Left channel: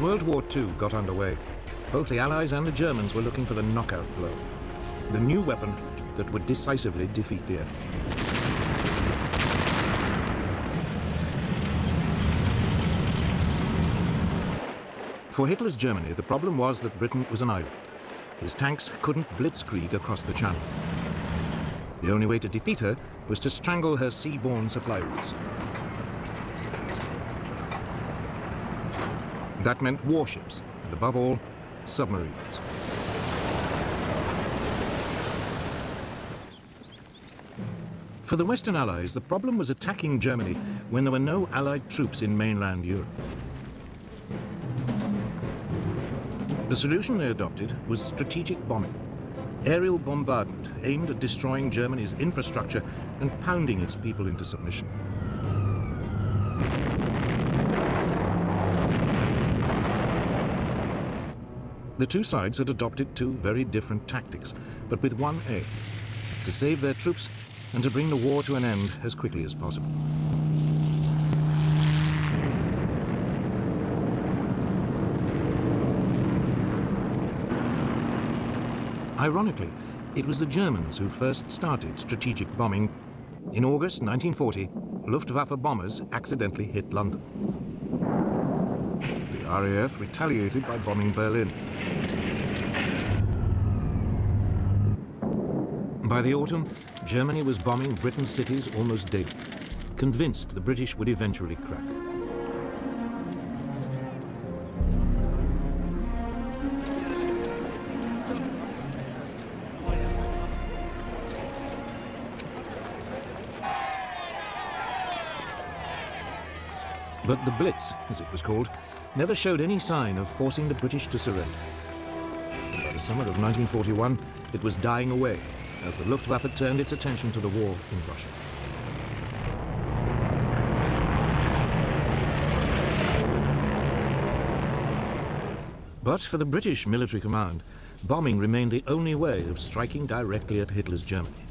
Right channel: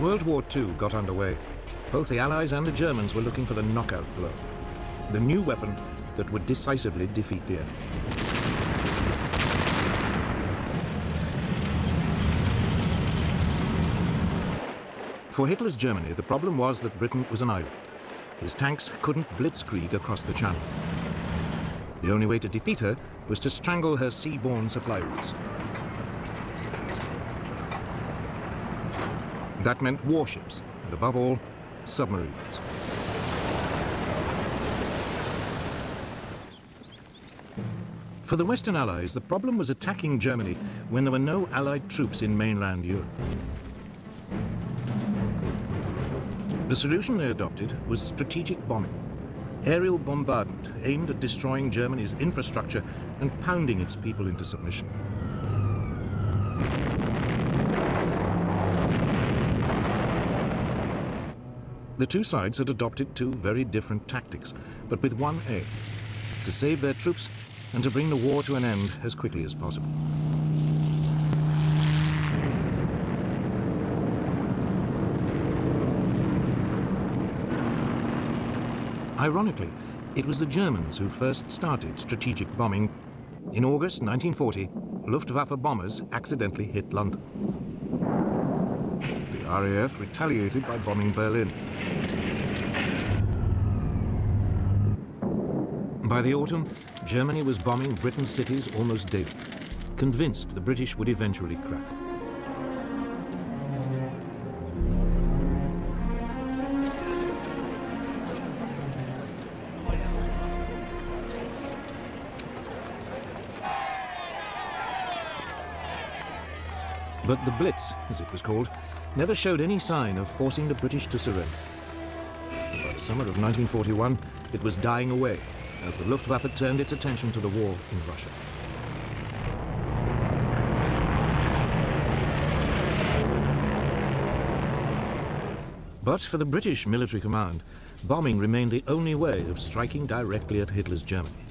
As World War II got underway, both the Allies and the Germans were looking for the knockout blow, the new weapon that would decisively defeat the enemy. For Hitler's Germany, the problem was that Britain was an island. His tanks couldn't blitzkrieg across the Channel. The only way to defeat her was to strangle her seaborne supply routes. That meant warships, and above all, submarines. For the Western Allies, the problem was attacking Germany when there were no Allied troops in mainland Europe. The solution they adopted was strategic bombing. Aerial bombardment aimed at destroying Germany's infrastructure and pounding its people into submission. The two sides had adopted two very different tactics, but with one aim: to save their troops and to bring the war to an end as quickly as possible. Ironically, it was the Germans who first started strategic bombing. In August 1940, Luftwaffe bombers accidentally hit London. The RAF retaliated by bombing Berlin. By the autumn, Germany was bombing Britain's cities almost daily, convinced the British would eventually crack. But the Blitz, as it was called, never showed any sign of forcing the British to surrender. By the summer of 1941, it was dying away as the Luftwaffe turned its attention to the war in Russia. But for the British military command, bombing remained the only way of striking directly at Hitler's Germany.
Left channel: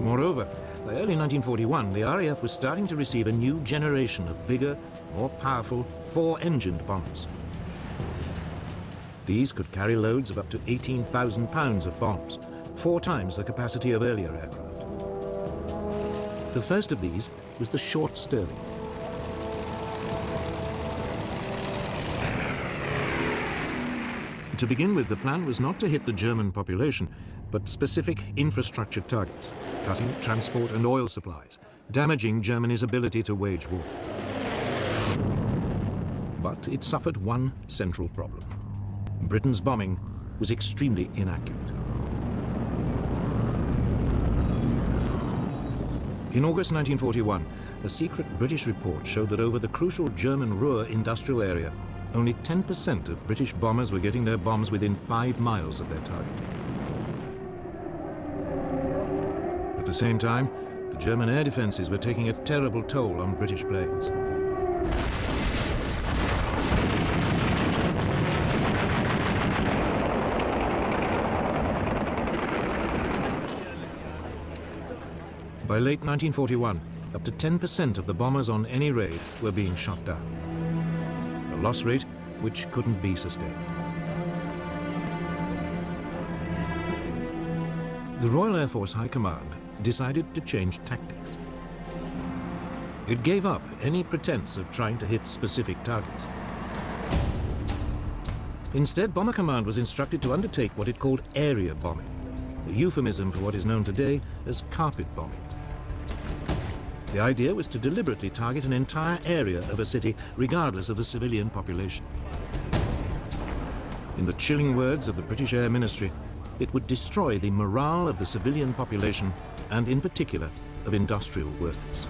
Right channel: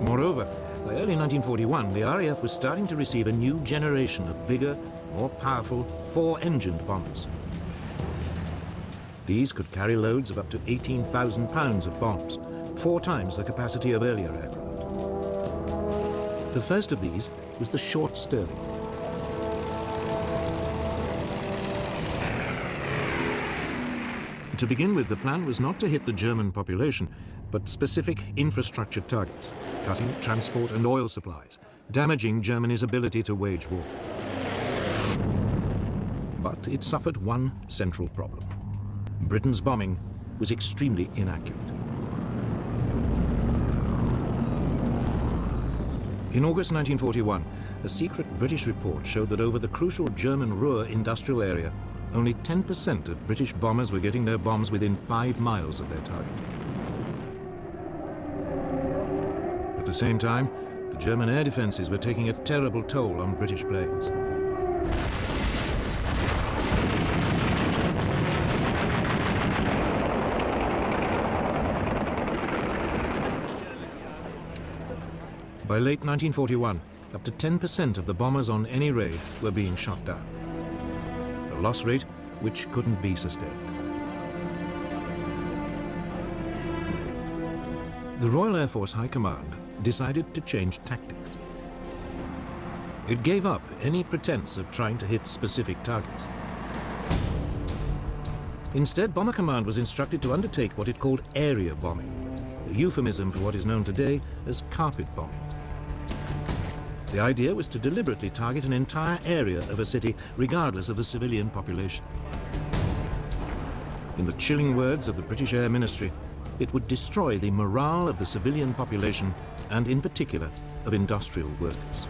Moreover, by early 1941, the RAF was starting to receive a new generation of bigger, more powerful, four-engined bombers. These could carry loads of up to 18,000 pounds of bombs, 4 times the capacity of earlier aircraft. The first of these was the Short Stirling. To begin with, the plan was not to hit the German population, but specific infrastructure targets, cutting transport and oil supplies, damaging Germany's ability to wage war. But it suffered one central problem. Britain's bombing was extremely inaccurate. In August 1941, a secret British report showed that over the crucial German Ruhr industrial area, only 10% of British bombers were getting their bombs within 5 miles of their target. At the same time, the German air defenses were taking a terrible toll on British planes. By late 1941, up to 10% of the bombers on any raid were being shot down. A loss rate which couldn't be sustained. The Royal Air Force High Command decided to change tactics. It gave up any pretense of trying to hit specific targets. Instead, Bomber Command was instructed to undertake what it called area bombing, a euphemism for what is known today as carpet bombing. The idea was to deliberately target an entire area of a city, regardless of the civilian population. In the chilling words of the British Air Ministry, it would destroy the morale of the civilian population, and in particular, of industrial workers.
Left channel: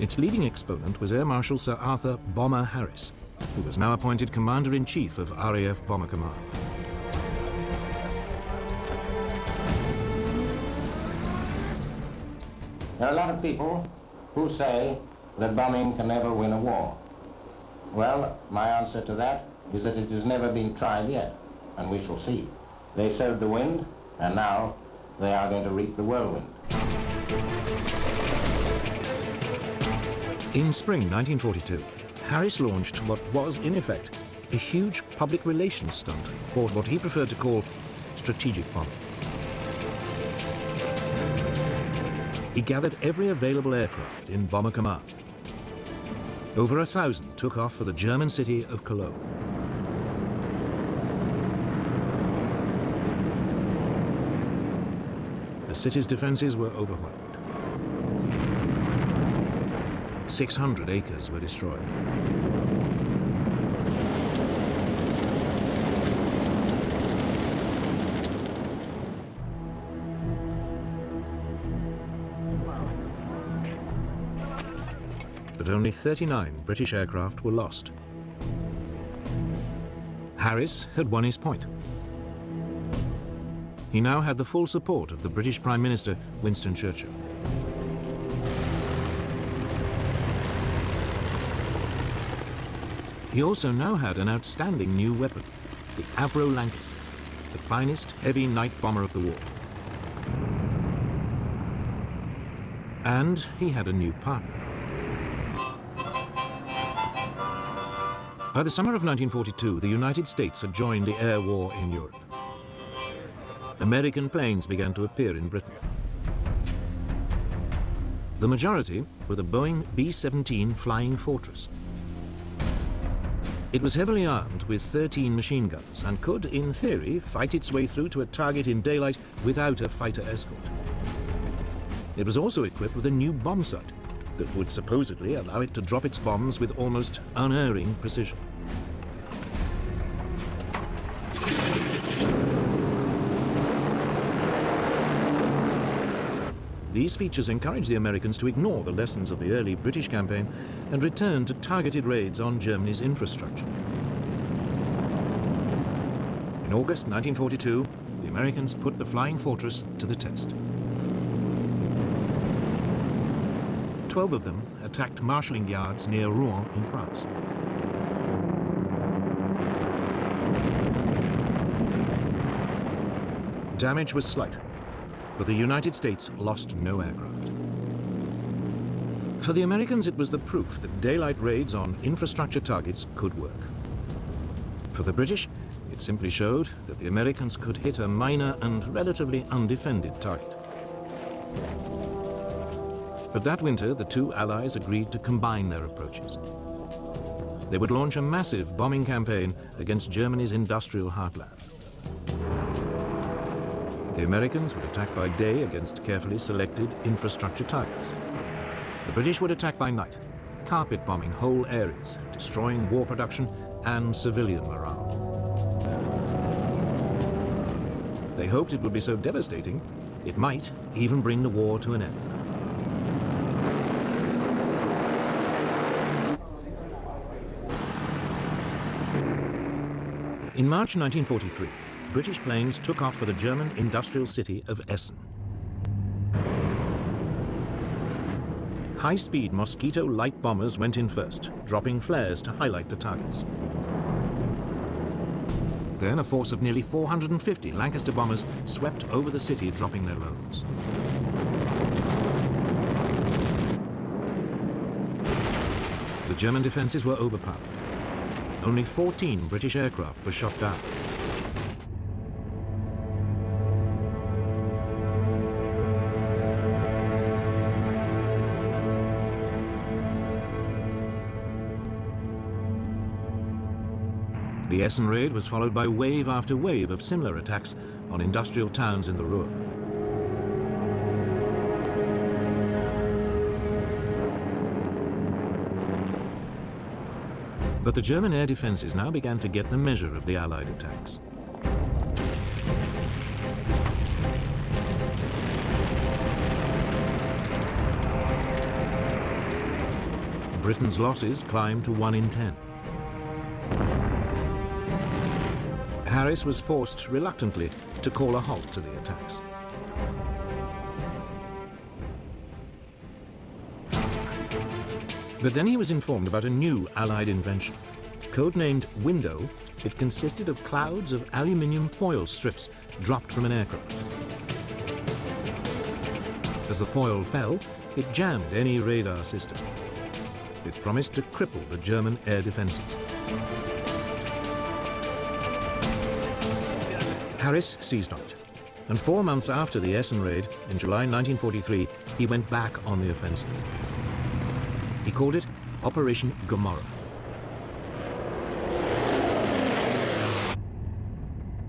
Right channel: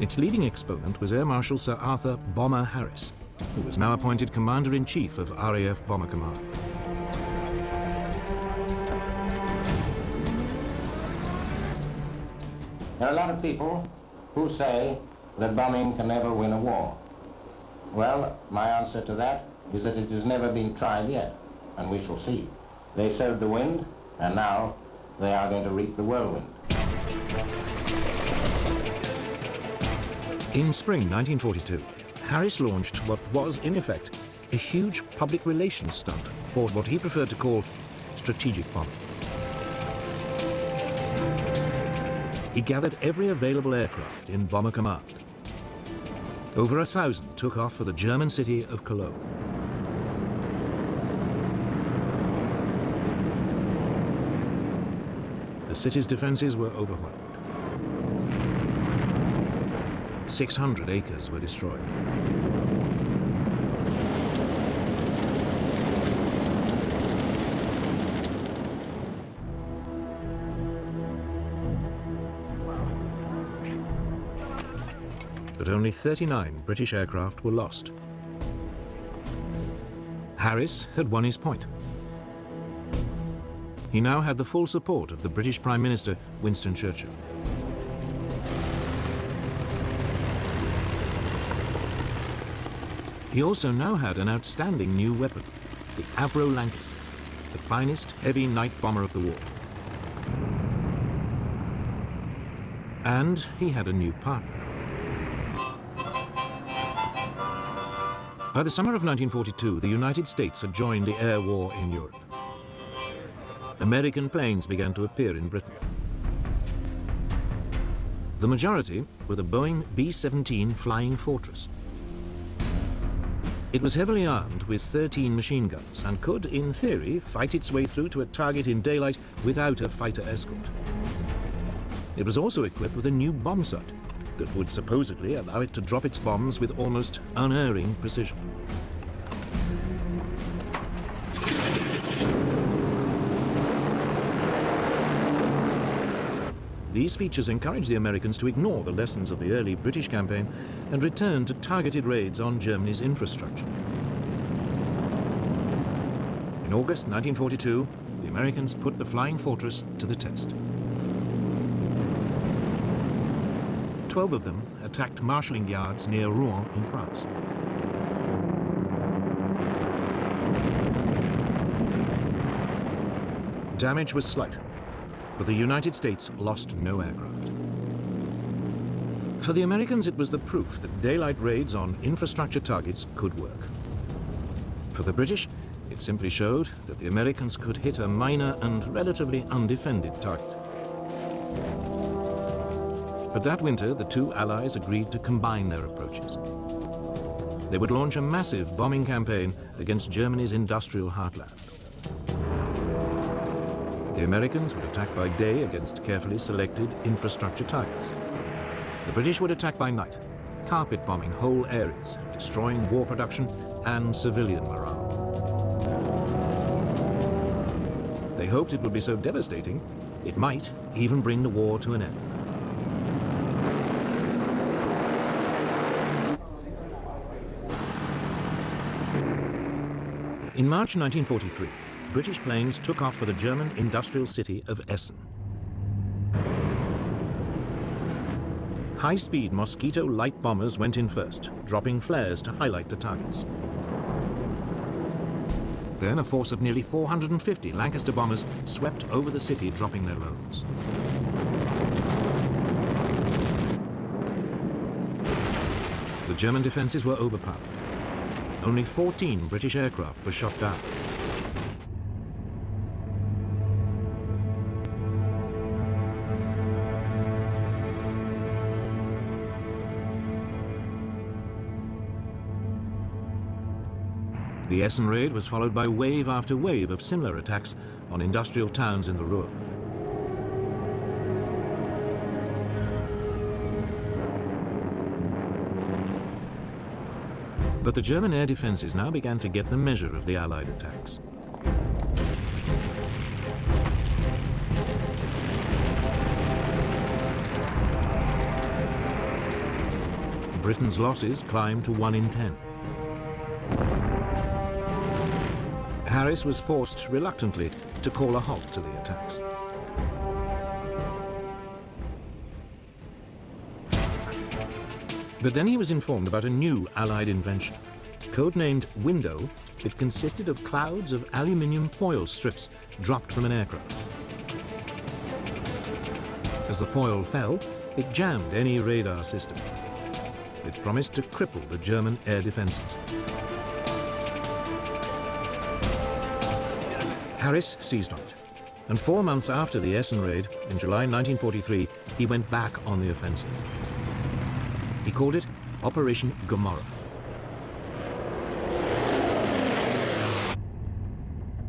Its leading exponent was Air Marshal Sir Arthur Bomber Harris, who was now appointed Commander-in-Chief of RAF Bomber Command. There are a lot of people who say that bombing can never win a war. Well, my answer to that is that it has never been tried yet. and we shall see. They sowed the wind, and now they are going to reap the whirlwind. In spring 1942, Harris launched what was, in effect, a huge public relations stunt called what he preferred to call strategic bombing. He gathered every available aircraft in Bomber Command. Over 1,000 took off for the German city of Cologne. The city's defenses were overwhelmed. 600 acres were destroyed. But only 39 British aircraft were lost. Harris had won his point. He now had the full support of the British Prime Minister, Winston Churchill. He also now had an outstanding new weapon, the Avro Lancaster, the finest heavy night bomber of the war. And he had a new partner. By the summer of 1942, the United States had joined the air war in Europe. American planes began to appear in Britain. The majority were the Boeing B-17 Flying Fortress. It was heavily armed with 13 machine guns and could, in theory, fight its way through to a target in daylight without a fighter escort. It was also equipped with a new bomb sight that would supposedly allow it to drop its bombs with almost unerring precision. These features encouraged the Americans to ignore the lessons of the early British campaign and return to targeted raids on Germany's infrastructure. In August 1942, the Americans put the Flying Fortress to the test. 12 of them attacked marshalling yards near Rouen in France. Damage was slight, but the United States lost no aircraft. For the Americans, it was the proof that daylight raids on infrastructure targets could work. For the British, it simply showed that the Americans could hit a minor and relatively undefended target. But that winter, the two allies agreed to combine their approaches. They would launch a massive bombing campaign against Germany's industrial heartland. The Americans would attack by day against carefully selected infrastructure targets. The British would attack by night, carpet bombing whole areas, destroying war production and civilian morale. They hoped it would be so devastating, it might even bring the war to an end. In March 1943, British planes took off for the German industrial city of Essen. High-speed Mosquito light bombers went in first, dropping flares to highlight the targets. Then a force of nearly 450 Lancaster bombers swept over the city, dropping their loads. The German defenses were overpowered. Only 14 British aircraft were shot down. The Essen raid was followed by wave after wave of similar attacks on industrial towns in the Ruhr. But the German air defenses now began to get the measure of the Allied attacks. Britain's losses climbed to 1 in 10. Harris was forced, reluctantly, to call a halt to the attacks. But then he was informed about a new Allied invention, Codenamed Window, it consisted of clouds of aluminium foil strips dropped from an aircraft. As the foil fell, it jammed any radar system. It promised to cripple the German air defenses. Harris seized on it, and 4 months after the Essen raid, in July 1943, he went back on the offensive. He called it Operation Gomorrah.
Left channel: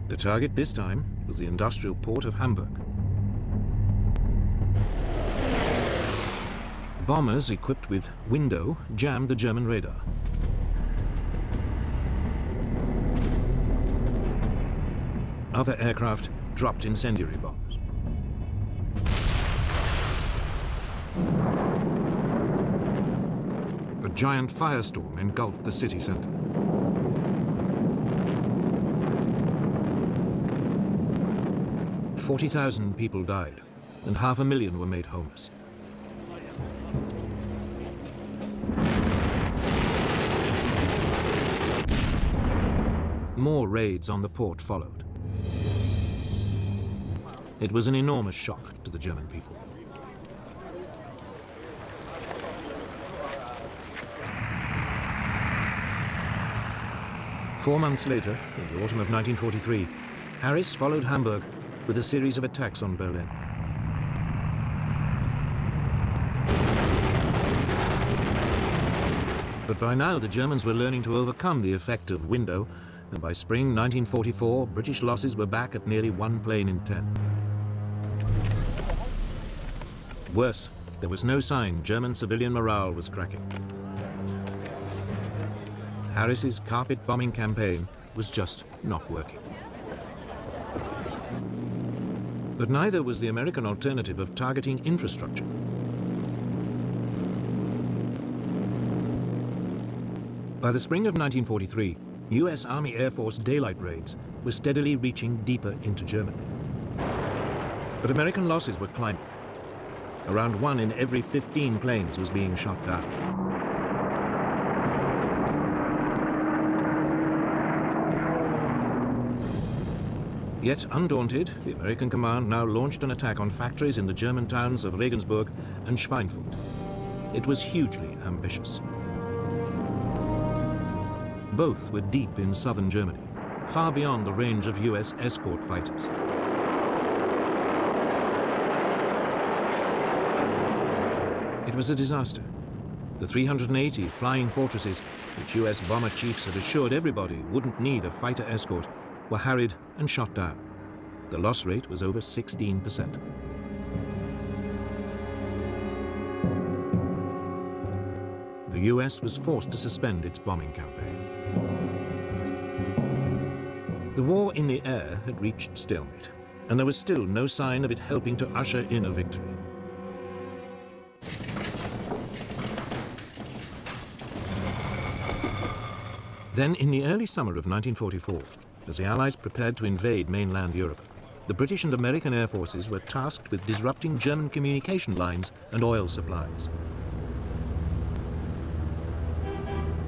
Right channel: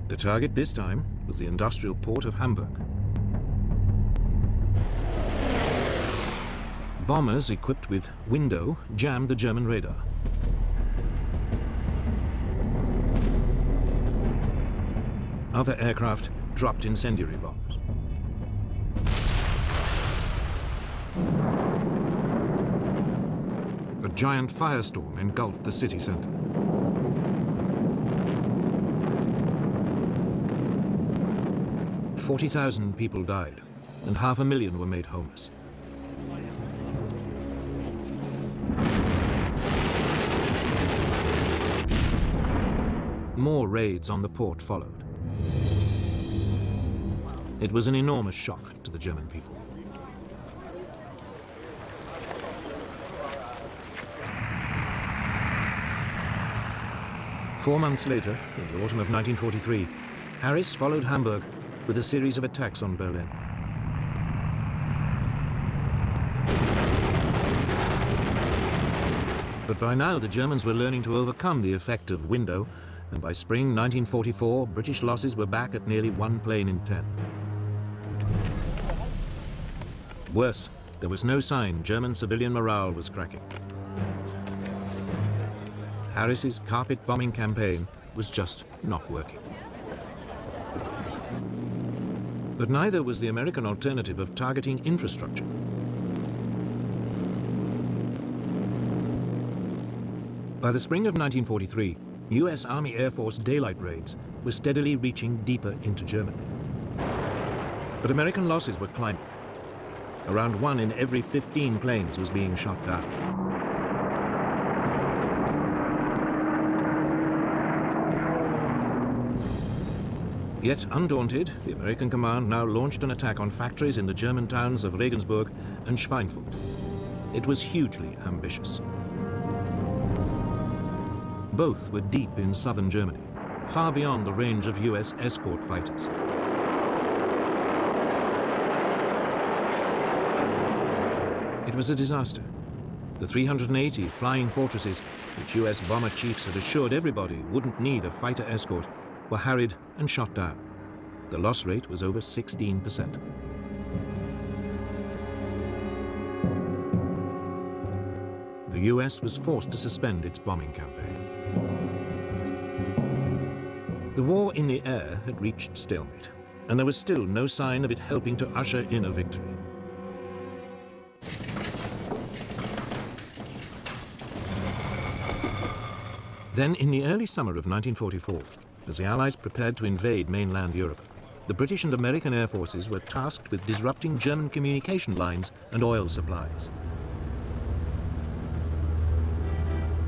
The target this time was the industrial port of Hamburg. Bombers equipped with Window jammed the German radar. Other aircraft dropped incendiary bombs. A giant firestorm engulfed the city center. "40,000 people died, and 500,000 were made homeless. More raids on the port followed. It was an enormous shock to the German people. Four months later, in the autumn of 1943, Harris followed Hamburg with a series of attacks on Berlin. But by now the Germans were learning to overcome the effect of Window, and by spring 1944, British losses were back at nearly 1 plane in 10. Worse, there was no sign German civilian morale was cracking. Harris's carpet bombing campaign was just not working. But neither was the American alternative of targeting infrastructure. By the spring of 1943, US Army Air Force daylight raids were steadily reaching deeper into Germany. But American losses were climbing. Around 1 in every 15 planes was being shot down. Yet undaunted, the American command now launched an attack on factories in the German towns of Regensburg and Schweinfurt. It was hugely ambitious. Both were deep in southern Germany, far beyond the range of US escort fighters. It was a disaster. The 380 flying fortresses, which US bomber chiefs had assured everybody wouldn't need a fighter escort, were harried and shot down. The loss rate was over 16%. The US was forced to suspend its bombing campaign. The war in the air had reached stalemate, and there was still no sign of it helping to usher in a victory. Then, in the early summer of 1944, as the Allies prepared to invade mainland Europe, the British and American air forces were tasked with disrupting German communication lines and oil supplies.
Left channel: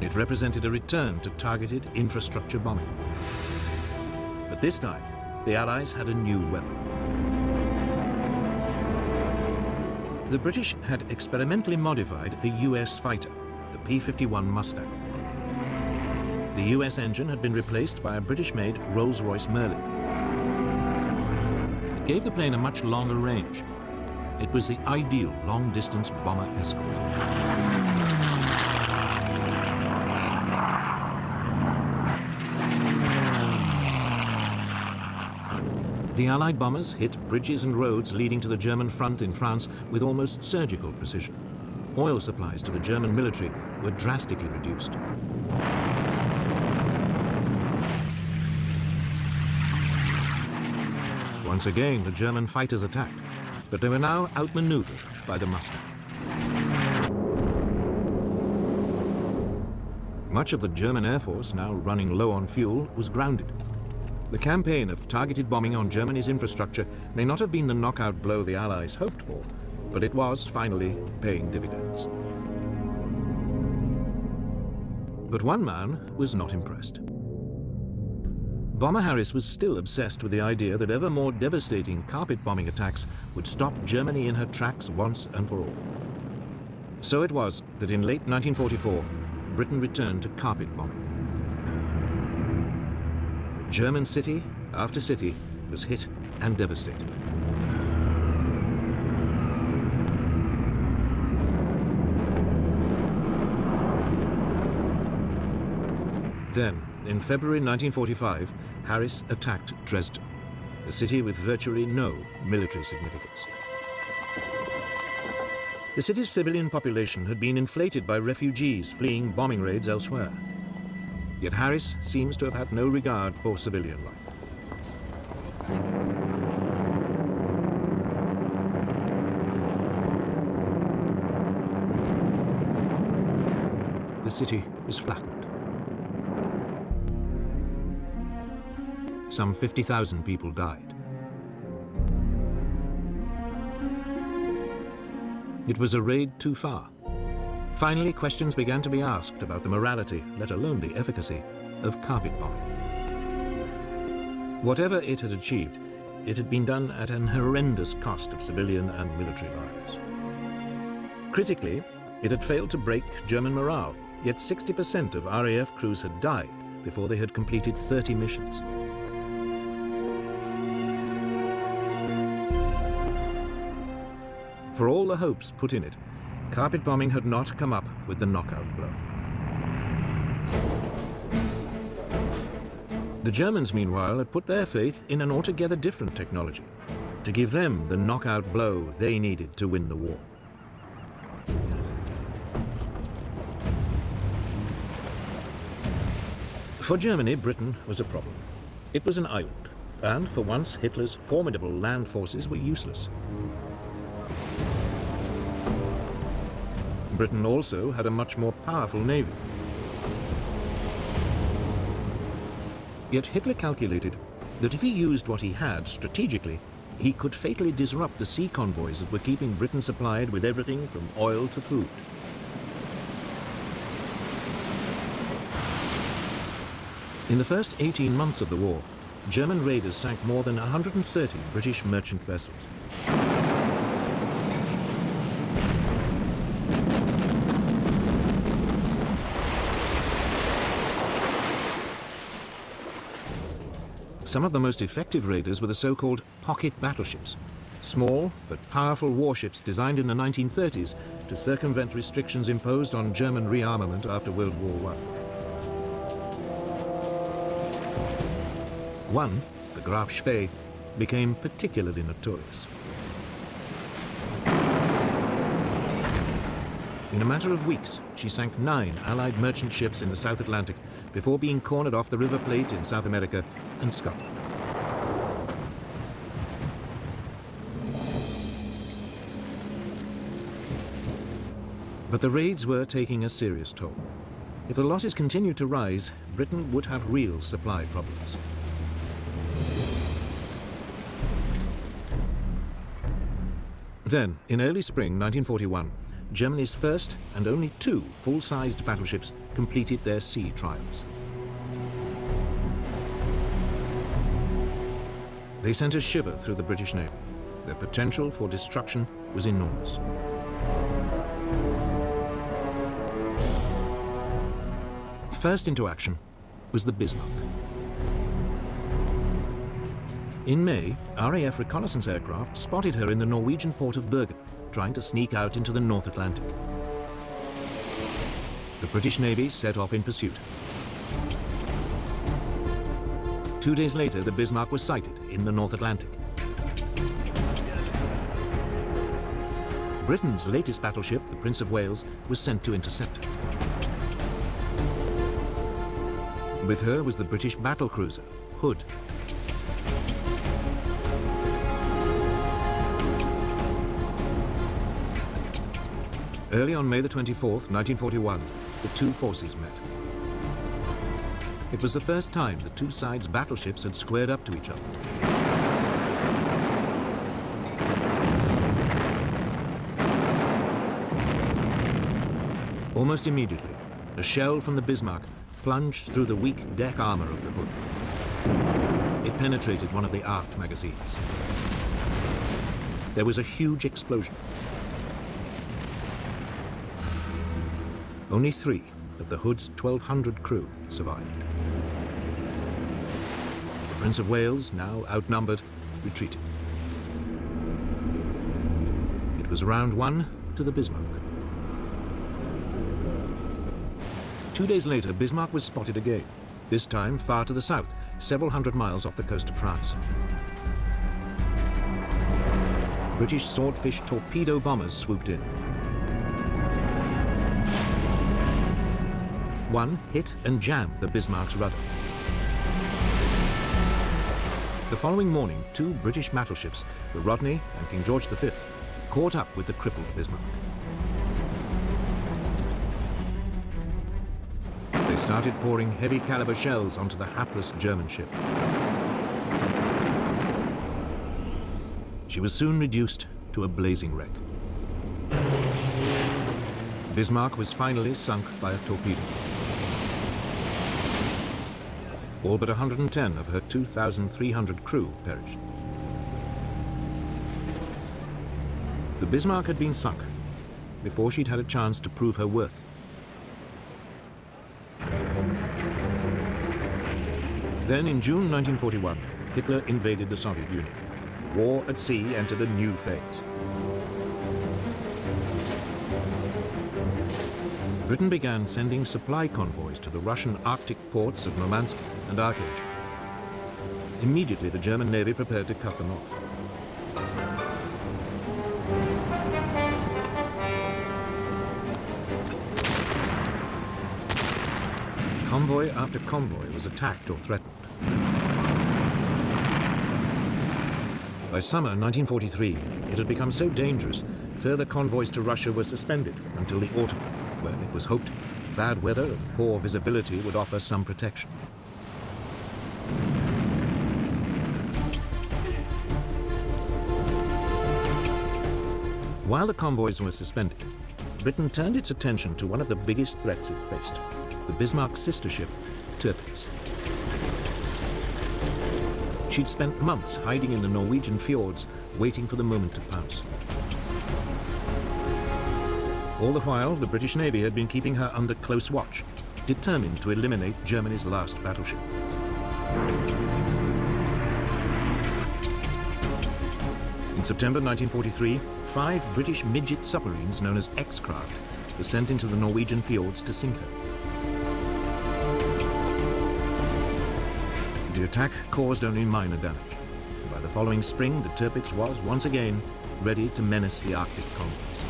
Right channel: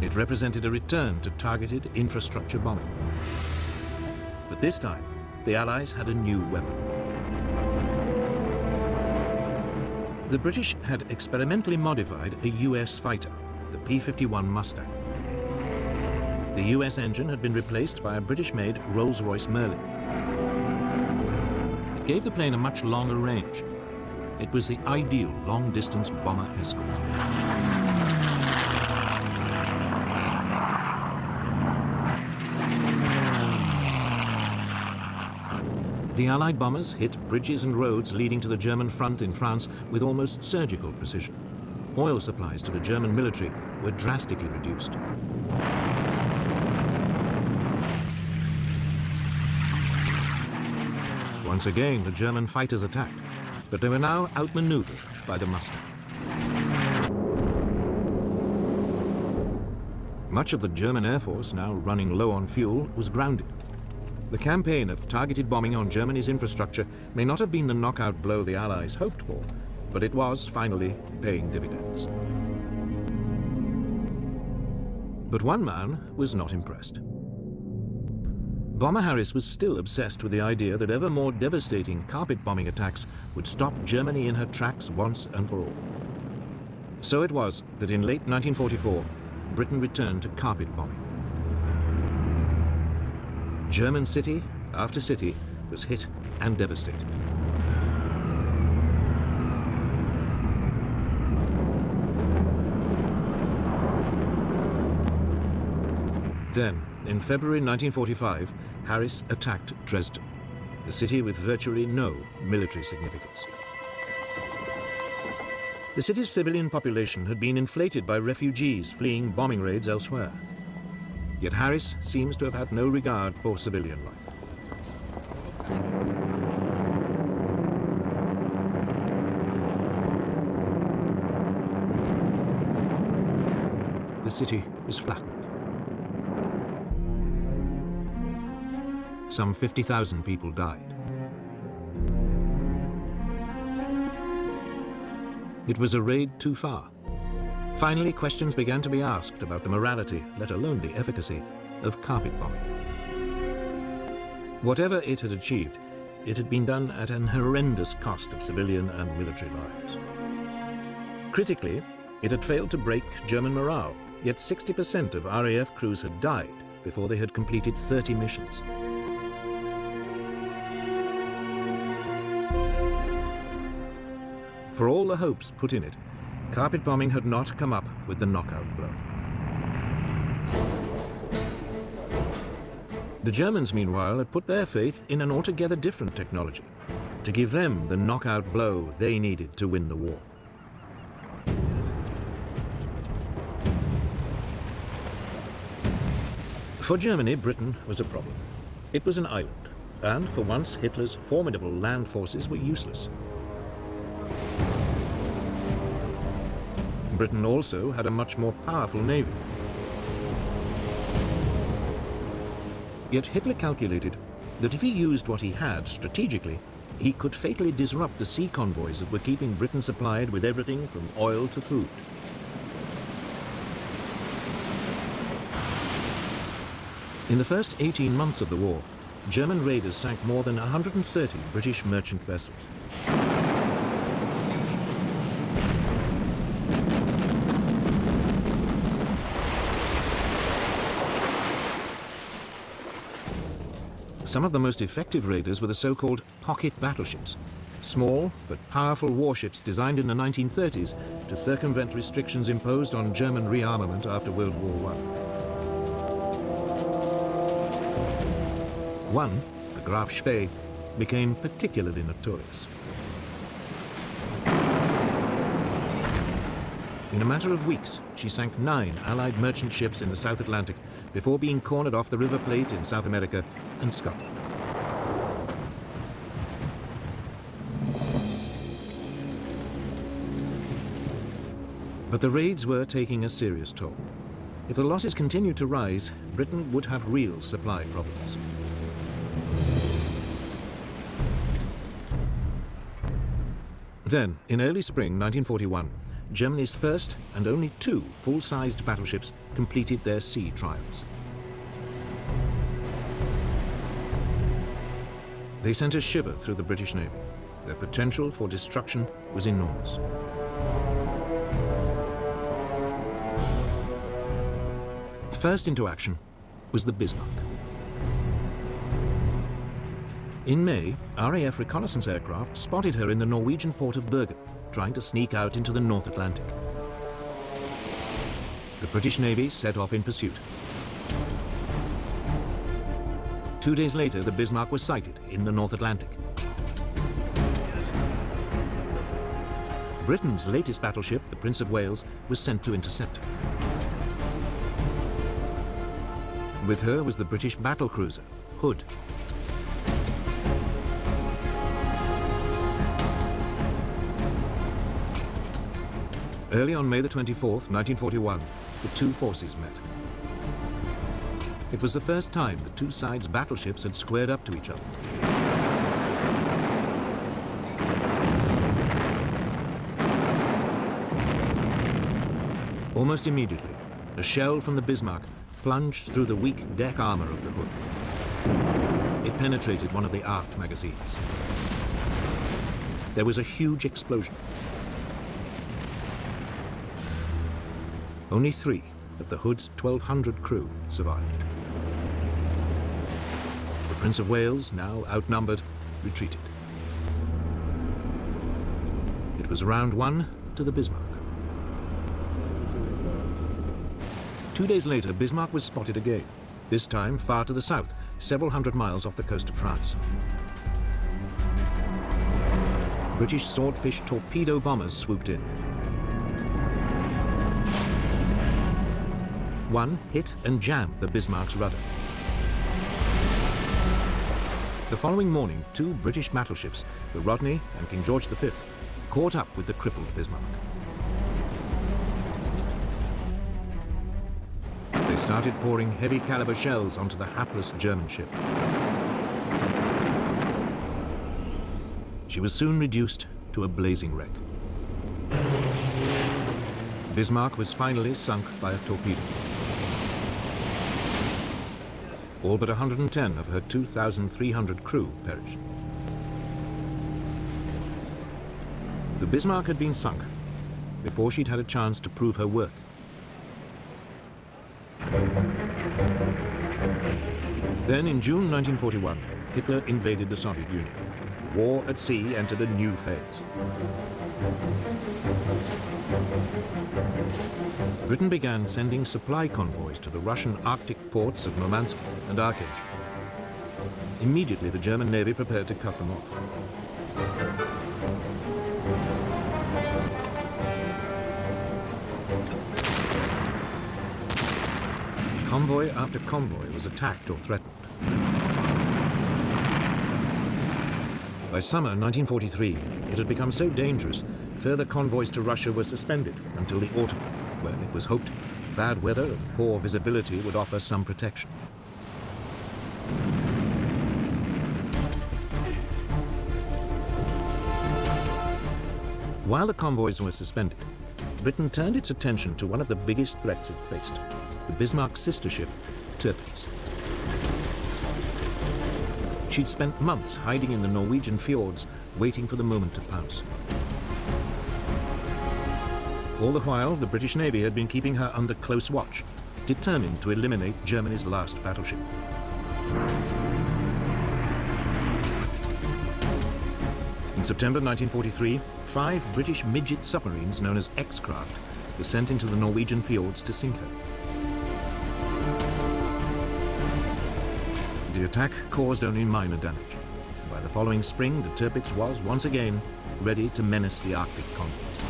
It represented a return to targeted infrastructure bombing. But this time, the Allies had a new weapon. The British had experimentally modified a US fighter, the P-51 Mustang. The US engine had been replaced by a British-made Rolls-Royce Merlin. It gave the plane a much longer range. It was the ideal long-distance bomber escort. The Allied bombers hit bridges and roads leading to the German front in France with almost surgical precision. Oil supplies to the German military were drastically reduced. Once again, the German fighters attacked, but they were now outmaneuvered by the Mustang. Much of the German Air Force, now running low on fuel, was grounded. The campaign of targeted bombing on Germany's infrastructure may not have been the knockout blow the Allies hoped for, but it was finally paying dividends. But one man was not impressed. Bomber Harris was still obsessed with the idea that ever more devastating carpet bombing attacks would stop Germany in her tracks once and for all. So it was that in late 1944, Britain returned to carpet bombing. German city after city was hit and devastated. Then, in February 1945, Harris attacked Dresden, a city with virtually no military significance. The city's civilian population had been inflated by refugees fleeing bombing raids elsewhere. Yet Harris seems to have had no regard for civilian life. The city was flattened. Some 50,000 people died. It was a raid too far. Finally, questions began to be asked about the morality, let alone the efficacy, of carpet bombing. Whatever it had achieved, it had been done at an horrendous cost of civilian and military lives. Critically, it had failed to break German morale, yet 60% of RAF crews had died before they had completed 30 missions. For all the hopes put in it, carpet bombing had not come up with the knockout blow. The Germans, meanwhile, had put their faith in an altogether different technology to give them the knockout blow they needed to win the war. For Germany, Britain was a problem. It was an island, and for once Hitler's formidable land forces were useless. Britain also had a much more powerful navy. Yet Hitler calculated that if he used what he had strategically, he could fatally disrupt the sea convoys that were keeping Britain supplied with everything from oil to food. In the first 18 months of the war, German raiders sank more than 130 British merchant vessels. Some of the most effective raiders were the so-called pocket battleships, small but powerful warships designed in the 1930s to circumvent restrictions imposed on German rearmament after World War I. One, the Graf Spee, became particularly notorious. In a matter of weeks, she sank 9 Allied merchant ships in the South Atlantic before being cornered off the River Plate in South America and Scotland. But the raids were taking a serious toll. If the losses continued to rise, Britain would have real supply problems. Then, in early spring 1941, Germany's first and only 2 full-sized battleships completed their sea trials. They sent a shiver through the British Navy. The potential for destruction was enormous. First into action was the Bismarck. In May, RAF reconnaissance aircraft spotted her in the Norwegian port of Bergen, trying to sneak out into the North Atlantic. The British Navy set off in pursuit. 2 days later, the Bismarck was sighted in the North Atlantic. Britain's latest battleship, the Prince of Wales, was sent to intercept her. With her was the British battlecruiser, Hood. Early on May the 24th, 1941, the 2 forces met. It was the first time the 2 sides' battleships had squared up to each other. Almost immediately, A shell from the Bismarck plunged through the weak deck armor of the Hood. It penetrated one of the aft magazines. There was a huge explosion. Only 3 of the Hood's 1,200 crew survived. The Prince of Wales, now outnumbered, retreated. It was round 1 to the Bismarck. 2 days later, Bismarck was spotted again, this time far to the south, several hundred miles off the coast of France. British Swordfish torpedo bombers swooped in. One hit and jammed the Bismarck's rudder. The following morning, 2 British battleships, the Rodney and King George V, caught up with the crippled Bismarck. They started pouring heavy caliber shells onto the hapless German ship. She was soon reduced to a blazing wreck. Bismarck was finally sunk by a torpedo. All but 110 of her 2,300 crew perished. The Bismarck had been sunk before she'd had a chance to prove her worth. Then in June 1941, Hitler invaded the Soviet Union. The war at sea entered a new phase. Britain began sending supply convoys to the Russian Arctic ports of Murmansk and Archangel. Immediately, the German Navy prepared to cut them off. Convoy after convoy was attacked or threatened. By summer 1943, it had become so dangerous, further convoys to Russia were suspended until the autumn, when it was hoped bad weather and poor visibility would offer some protection. While the convoys were suspended, Britain turned its attention to one of the biggest threats it faced, the Bismarck's sister ship, Tirpitz. She'd spent months hiding in the Norwegian fjords, waiting for the moment to pounce. All the while, the British Navy had been keeping her under close watch, determined to eliminate Germany's last battleship. In September 1943, 5 British midget submarines known as X-Craft were sent into the Norwegian fjords to sink her. The attack caused only minor damage. And by the following spring, the Tirpitz was once again ready to menace the Arctic convoys.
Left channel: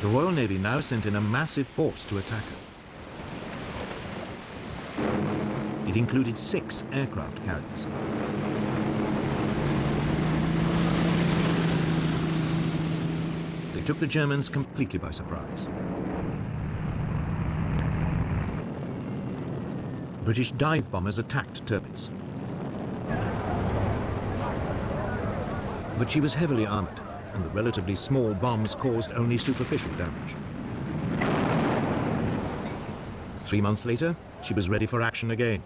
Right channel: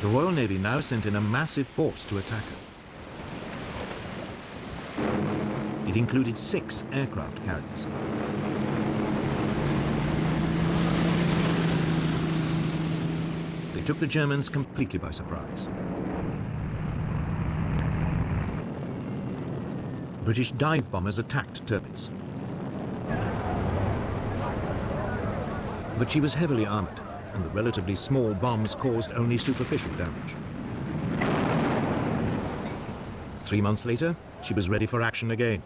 The Royal Navy now sent in a massive force to attack her. It included 6 aircraft carriers. They took the Germans completely by surprise. British dive bombers attacked Tirpitz. But she was heavily armored, and the relatively small bombs caused only superficial damage. 3 months later, she was ready for action again.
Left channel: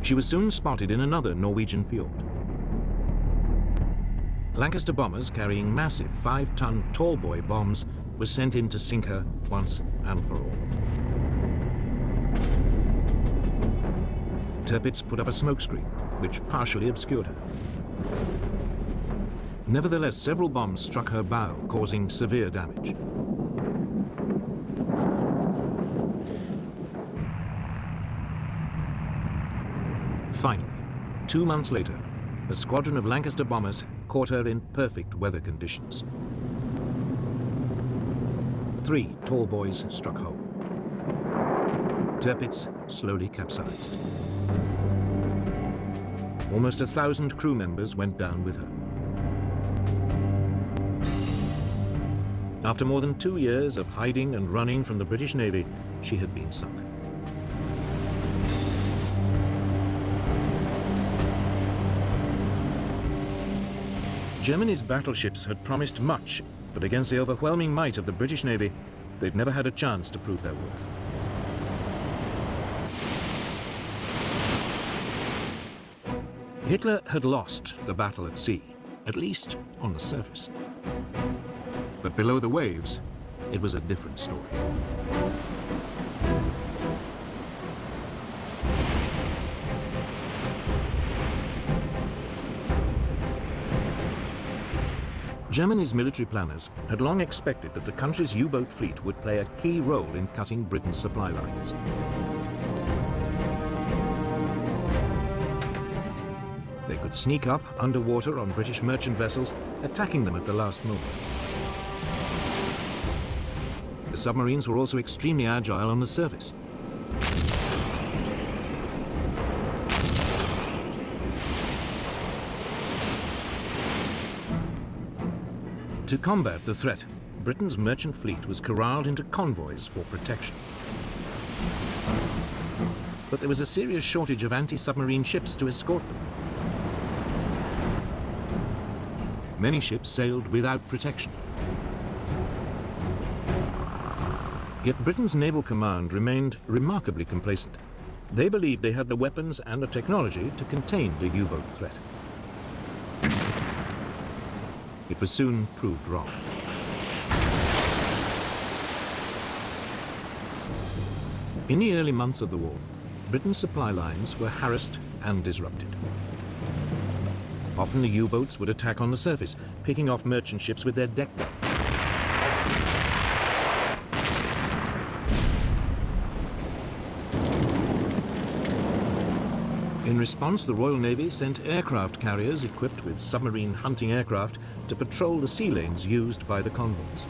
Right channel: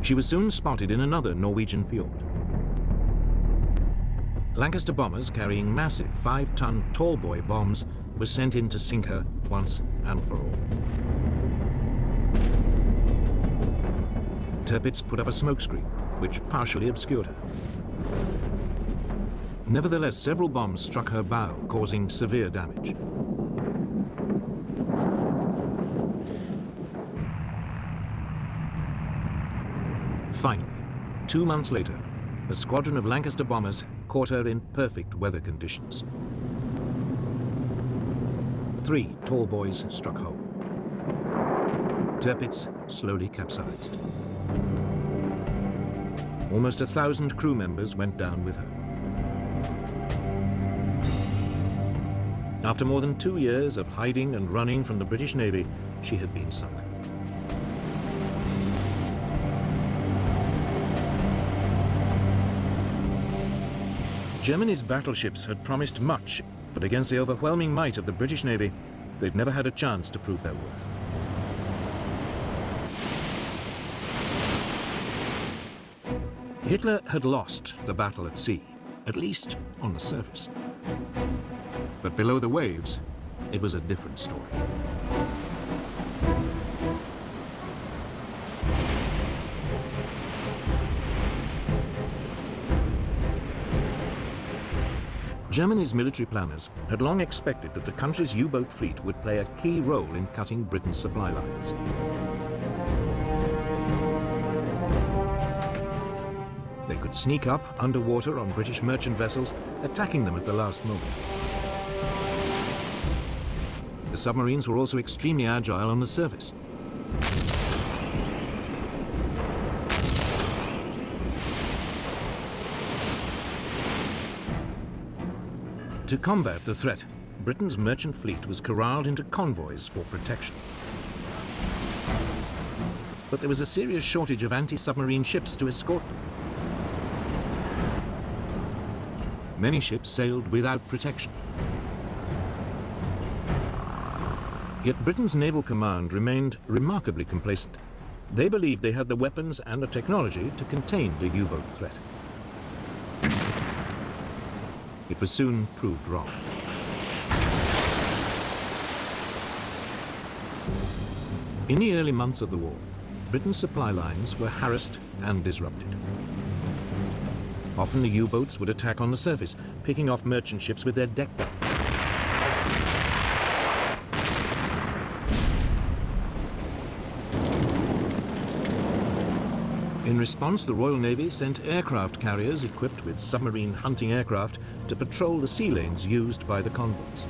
She was soon spotted in another Norwegian fjord. Lancaster bombers carrying massive 5-ton tallboy bombs were sent in to sink her once and for all. Tirpitz put up a smokescreen, which partially obscured her. Nevertheless, several bombs struck her bow, causing severe damage. Finally, 2 months later, a squadron of Lancaster bombers caught her in perfect weather conditions. 3 tall boys struck home. Tirpitz slowly capsized. Almost 1,000 crew members went down with her. After more than 2 years of hiding and running from the British Navy, she had been sunk. Germany's battleships had promised much, but against the overwhelming might of the British Navy, they'd never had a chance to prove their worth. Hitler had lost the battle at sea, at least on the surface. But below the waves, it was a different story. Germany's military planners had long expected that the country's U-boat fleet would play a key role in cutting Britain's supply lines. They could sneak up underwater on British merchant vessels, attacking them at the last moment. The submarines were also extremely agile on the surface. To combat the threat, Britain's merchant fleet was corralled into convoys for protection. But there was a serious shortage of anti-submarine ships to escort them. Many ships sailed without protection. Yet Britain's naval command remained remarkably complacent. They believed they had the weapons and the technology to contain the U-boat threat. It was soon proved wrong. In the early months of the war, Britain's supply lines were harassed and disrupted. Often the U-boats would attack on the surface, picking off merchant ships with their deck guns. In response, the Royal Navy sent aircraft carriers equipped with submarine hunting aircraft to patrol the sea lanes used by the convoys.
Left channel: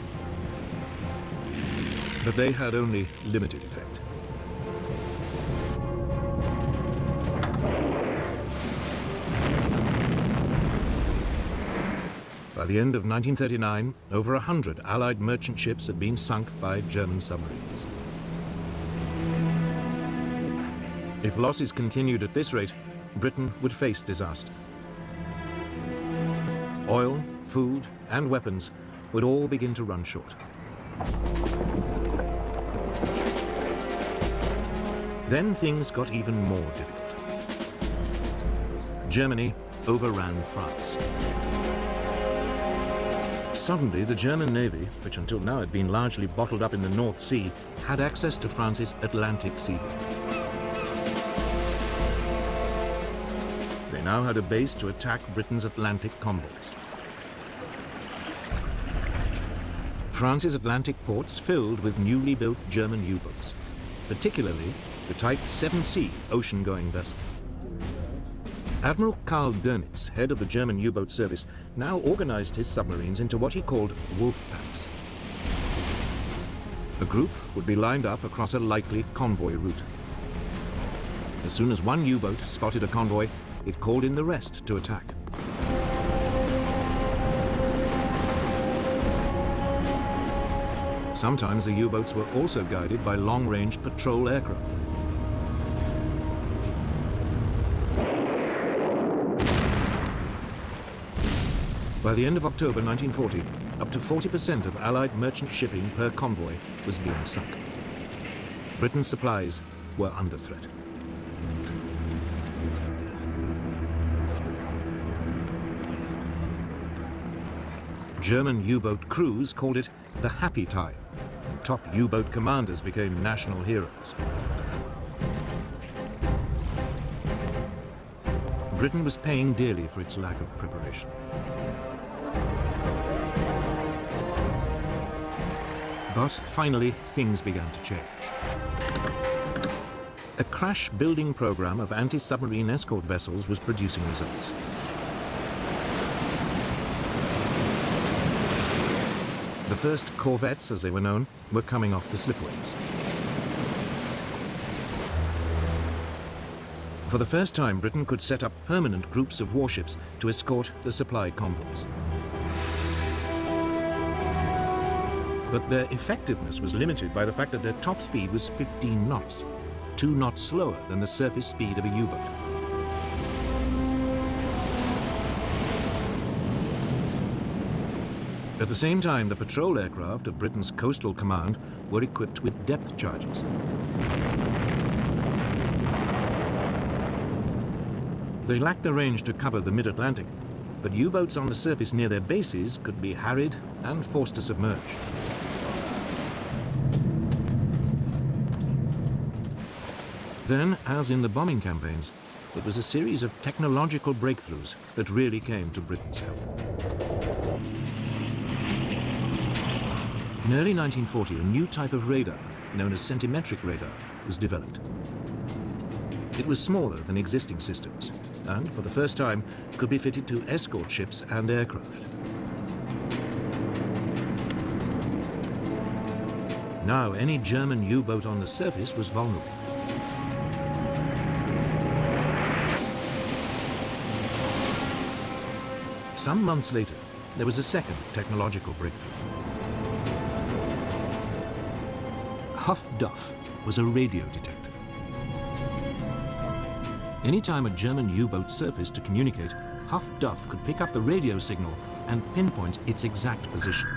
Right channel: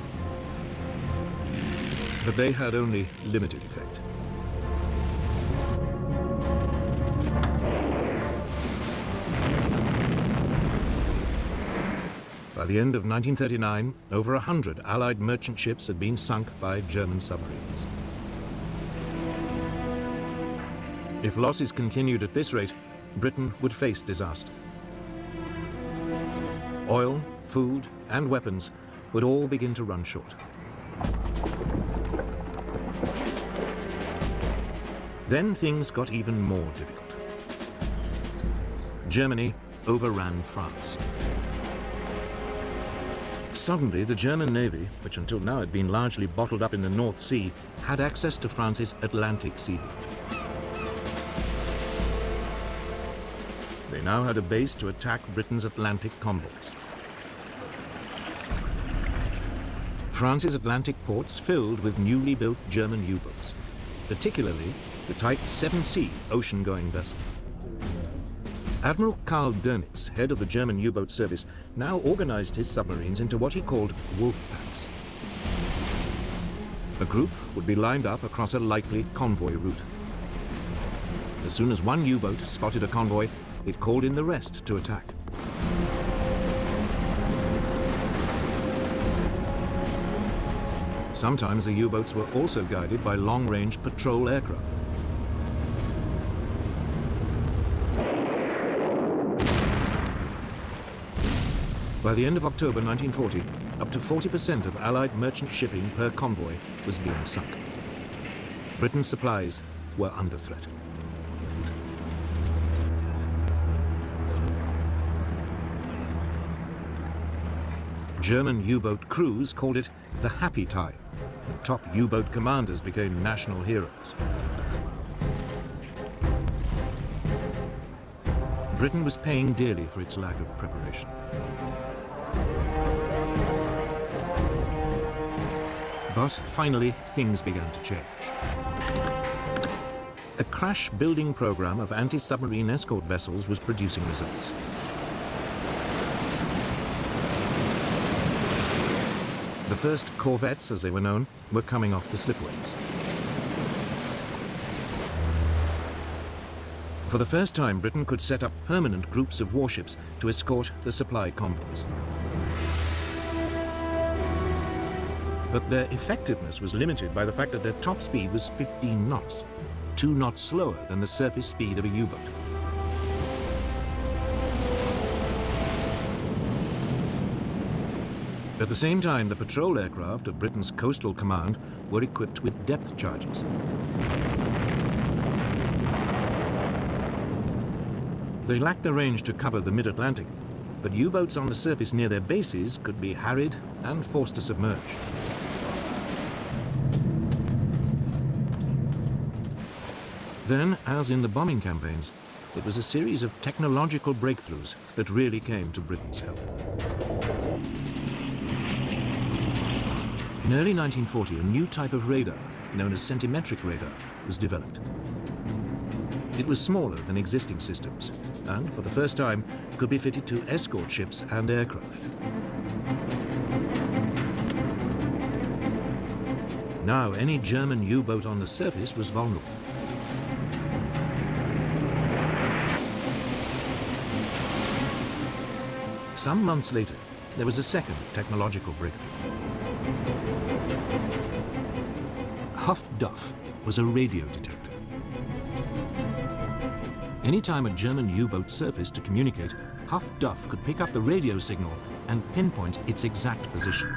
But they had only limited effect. By the end of 1939, over 100 Allied merchant ships had been sunk by German submarines. If losses continued at this rate, Britain would face disaster. Oil, food, and weapons would all begin to run short. Then things got even more difficult. Germany overran France. Suddenly, the German Navy, which until now had been largely bottled up in the North Sea, had access to France's Atlantic seaboard. They now had a base to attack Britain's Atlantic convoys. France's Atlantic ports filled with newly built German U-boats, particularly the Type 7C ocean-going vessel. Admiral Karl Dönitz, head of the German U-boat service, now organized his submarines into what he called wolf packs. The group would be lined up across a likely convoy route. As soon as one U-boat spotted a convoy, it called in the rest to attack. Sometimes the U-boats were also guided by long-range patrol aircraft. By the end of October 1940, up to 40% of Allied merchant shipping per convoy was being sunk. Britain's supplies were under threat. German U-boat crews called it the happy time. The top U-boat commanders became national heroes. Britain was paying dearly for its lack of preparation. But finally, things began to change. A crash building program of anti-submarine escort vessels was producing results. The first corvettes, as they were known, were coming off the slipways. For the first time, Britain could set up permanent groups of warships to escort the supply convoys. But their effectiveness was limited by the fact that their top speed was 15 knots, 2 knots slower than the surface speed of a U-boat. At the same time, the patrol aircraft of Britain's Coastal Command were equipped with depth charges. They lacked the range to cover the mid-Atlantic, but U-boats on the surface near their bases could be harried and forced to submerge. Then, as in the bombing campaigns, it was a series of technological breakthroughs that really came to Britain's help. In early 1940, a new type of radar, known as centimetric radar, was developed. It was smaller than existing systems, and for the first time could be fitted to escort ships and aircraft. Now, any German U-boat on the surface was vulnerable. Some months later, there was a second technological breakthrough. Huff-Duff was a radio detector. Anytime a German U-boat surfaced to communicate, Huff-Duff could pick up the radio signal and pinpoint its exact position.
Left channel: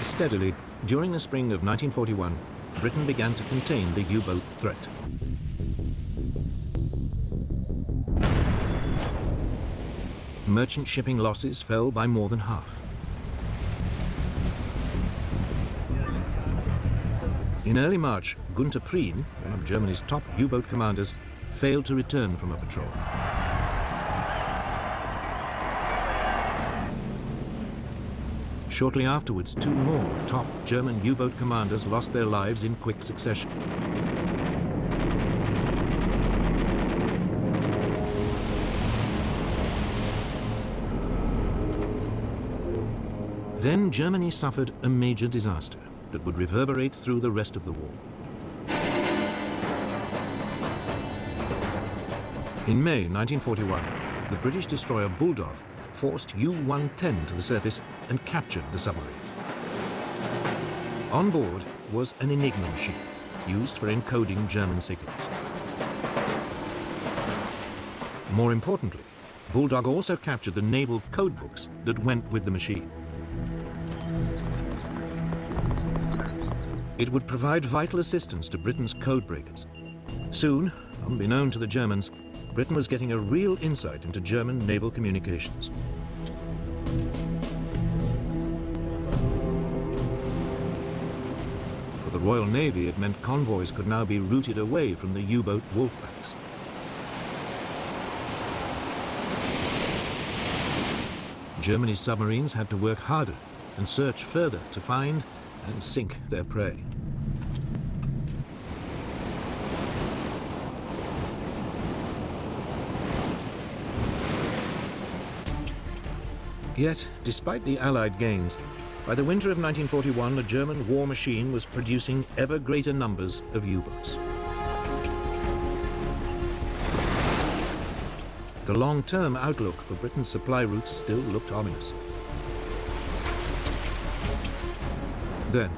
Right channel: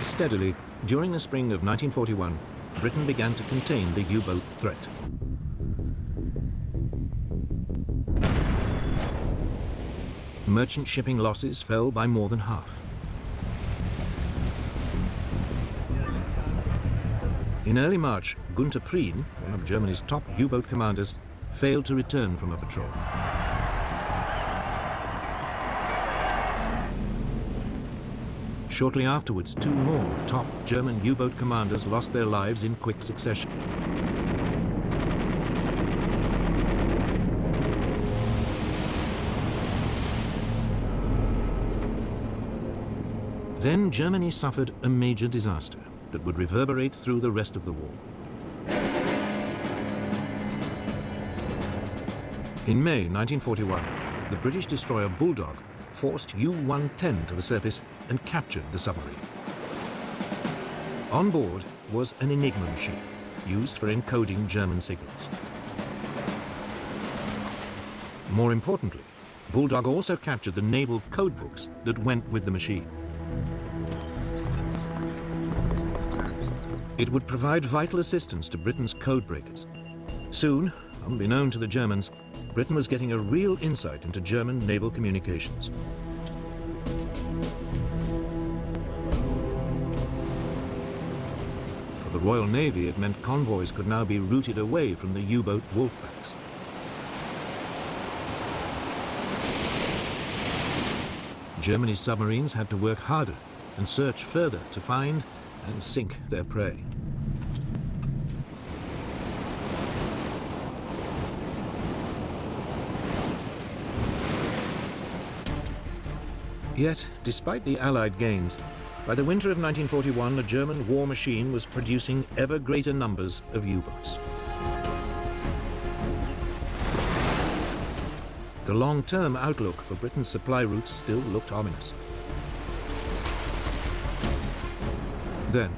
Steadily, during the spring of 1941, Britain began to contain the U-boat threat. Merchant shipping losses fell by more than half. In early March, Gunther Prien, one of Germany's top U-boat commanders, failed to return from a patrol. Shortly afterwards, two more top German U-boat commanders lost their lives in quick succession. Then Germany suffered a major disaster that would reverberate through the rest of the war. In May 1941, the British destroyer Bulldog forced U-110 to the surface and captured the submarine. On board was an Enigma machine, used for encoding German signals. More importantly, Bulldog also captured the naval code books that went with the machine. It would provide vital assistance to Britain's code breakers. Soon, unbeknown to the Germans, Britain was getting a real insight into German naval communications. For the Royal Navy, it meant convoys could now be routed away from the U-boat wolf packs. Germany's submarines had to work harder and search further to find and sink their prey. Yet, despite the Allied gains, by the winter of 1941, the German war machine was producing ever greater numbers of U-boats. The long-term outlook for Britain's supply routes still looked ominous. Then,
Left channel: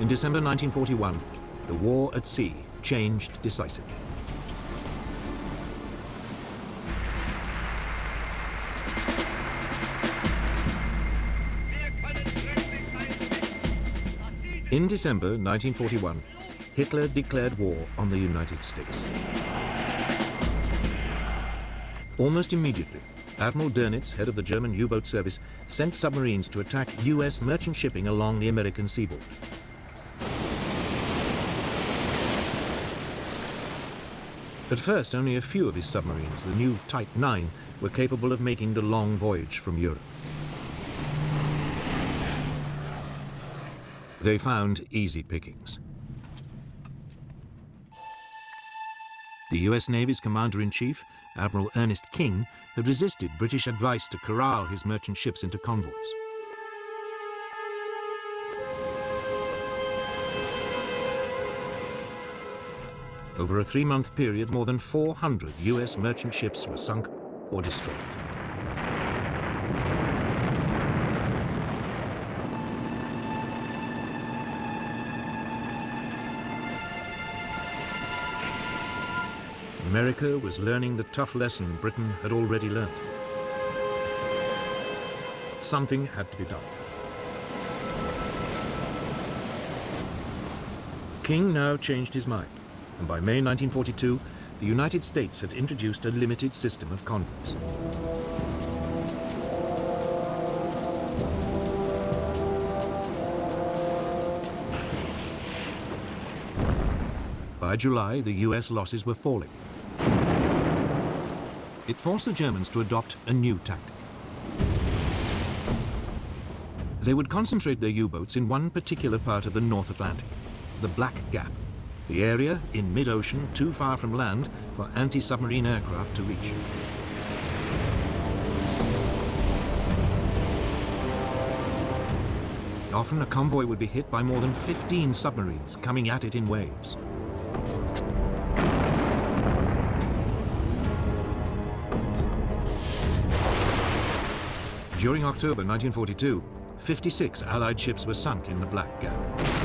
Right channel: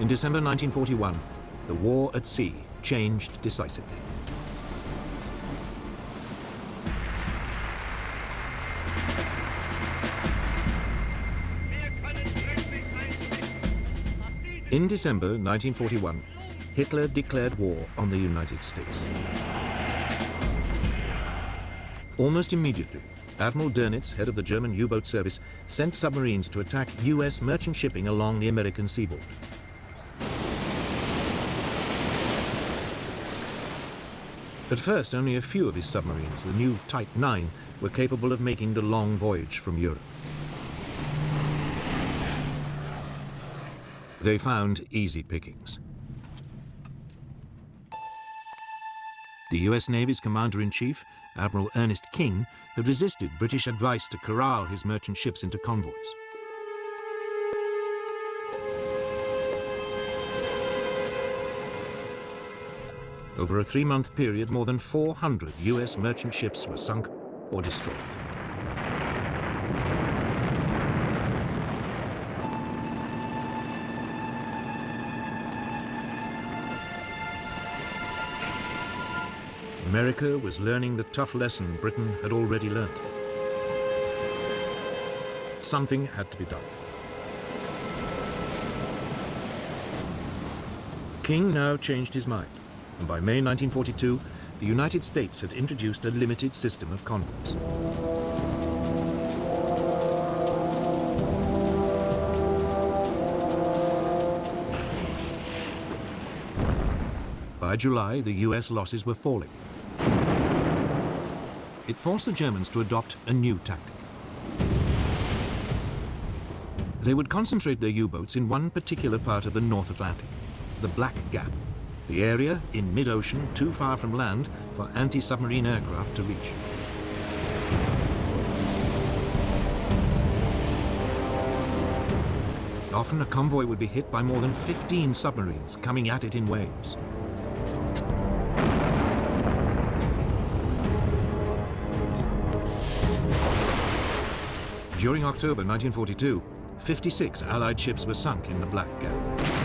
in December 1941, the war at sea changed decisively. In December 1941, Hitler declared war on the United States. Almost immediately, Admiral Dönitz, head of the German U-boat service, sent submarines to attack U.S. merchant shipping along the American seaboard. At first, only a few of his submarines, the new Type 9, were capable of making the long voyage from Europe. They found easy pickings. The U.S. Navy's Commander-in-Chief, Admiral Ernest King, had resisted British advice to corral his merchant ships into convoys. Over a 3-month period, more than 400 U.S. merchant ships were sunk or destroyed. America was learning the tough lesson Britain had already learned. Something had to be done. King now changed his mind, and by May 1942, the United States had introduced a limited system of convoys. By July, the US losses were falling. It forced the Germans to adopt a new tactic. They would concentrate their U-boats in one particular part of the North Atlantic, the Black Gap, the area in mid-ocean too far from land for anti-submarine aircraft to reach. Often a convoy would be hit by more than 15 submarines coming at it in waves. During October 1942, 56 Allied ships were sunk in the Black Gap.